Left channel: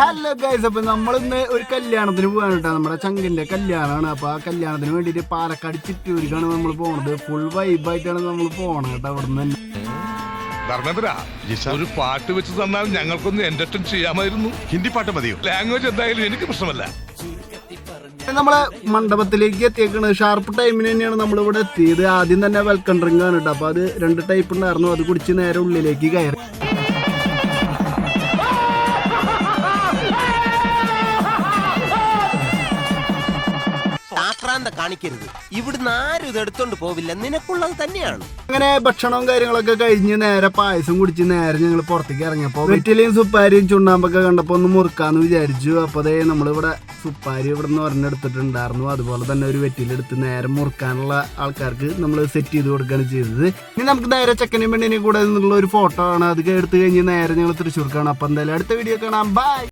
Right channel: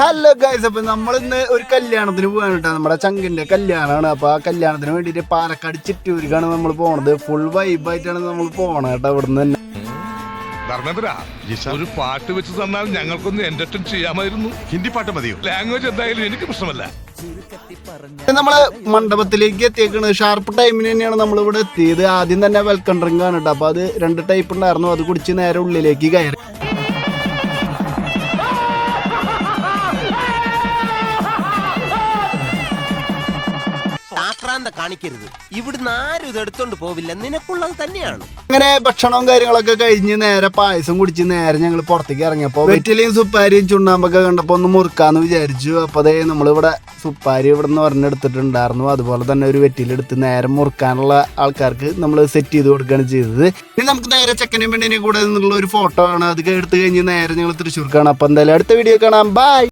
Hello guys, അപ്പൊ നമ്മളിന്ന് ഒരു കല്യാണത്തിന് പോകാൻ കേട്ടോ. നമ്മുടെ ചങ്കിന്റെ കല്യാണമാണ്. അപ്പൊ ആ കല്യാണത്തിന് വേണ്ടിട്ട് പാലക്കാട് ചിറ്റൂരിക്കാണ് നമ്മൾ പോണത്. ഫുൾ വൈബായിട്ടാണ് നമ്മൾ പോണത് കേട്ടോ. ഇവിടുന്ന് തന്നെ ഒരു പാട്ട് വെച്ച് തന്നാൽ ഞങ്ങൾക്കൊന്ന് എന്റർടൈൻ ചെയ്യാമായിരുന്നു. ഹിന്ദി പാട്ട് മതിയോ? ലാംഗ്വേജ് എന്തായാലും എനിക്ക് പ്രശ്നമല്ല. നമ്മളെ മണ്ഡപത്തിലേക്ക് എത്തിയേക്കണ്. ഷാർപ്പ് ടൈമിന് തന്നെയാണ് നമ്മളിവിടെ എത്തിയത്. ആദ്യം തന്നെ വെൽക്കം ഡ്രിങ്ക് ആണ് കേട്ടോ. അപ്പൊ അത് 2 ടൈപ്പ് ഉണ്ടായിരുന്നു. അത് കുടിച്ച് നേരെ ഉള്ളിലേക്ക് കയറി. കാണിക്കരുത്, ഇവിടുന്ന് ആരും ഇത് എടുത്തോണ്ട് പോവില്ല, നിനക്കുള്ളത് തന്നെയാണ്. അങ്ങനെ ഭക്ഷണവും കാര്യങ്ങളൊക്കെ കഴിഞ്ഞ് നേരെ പായസം കുടിച്ച് നേരെ ഞങ്ങൾ പുറത്തേക്ക് ഇറങ്ങിയപ്പോ വെറ്റിലയും സുപ്പാരിയും ചുണ്ണാമ്പൊക്കെ കണ്ടപ്പോ ഒന്ന് മുറുക്കാന്ന് വിചാരിച്ചു. അപ്പൊ അതേ നമ്മളിവിടെ സുപ്പാരി ഇവിടെ നിന്ന് ഒരെണ്ണെടുത്തിട്ടുണ്ടായിരുന്നു. അതുപോലെ തന്നെ ഒരു വെറ്റിലെടുത്ത് നേരെ മുറുക്കാനുള്ള ആൾക്കാർക്ക് നമ്മൾ സെറ്റ് ചെയ്ത് കൊടുക്കുകയാണ് ചെയ്തത്. ഇനി നമുക്ക് നേരെ ചെക്കനും പെണ്ണിനെ കൂടെ നിന്നുള്ള ഒരു ഫോട്ടോ ആണ്. അത് എടുത്തു കഴിഞ്ഞ് നേരെ ഞങ്ങൾ തൃശ്ശൂർക്കാണ്. അപ്പൊ എന്തായാലും അടുത്ത വീഡിയോ കാണാം. ബൈ.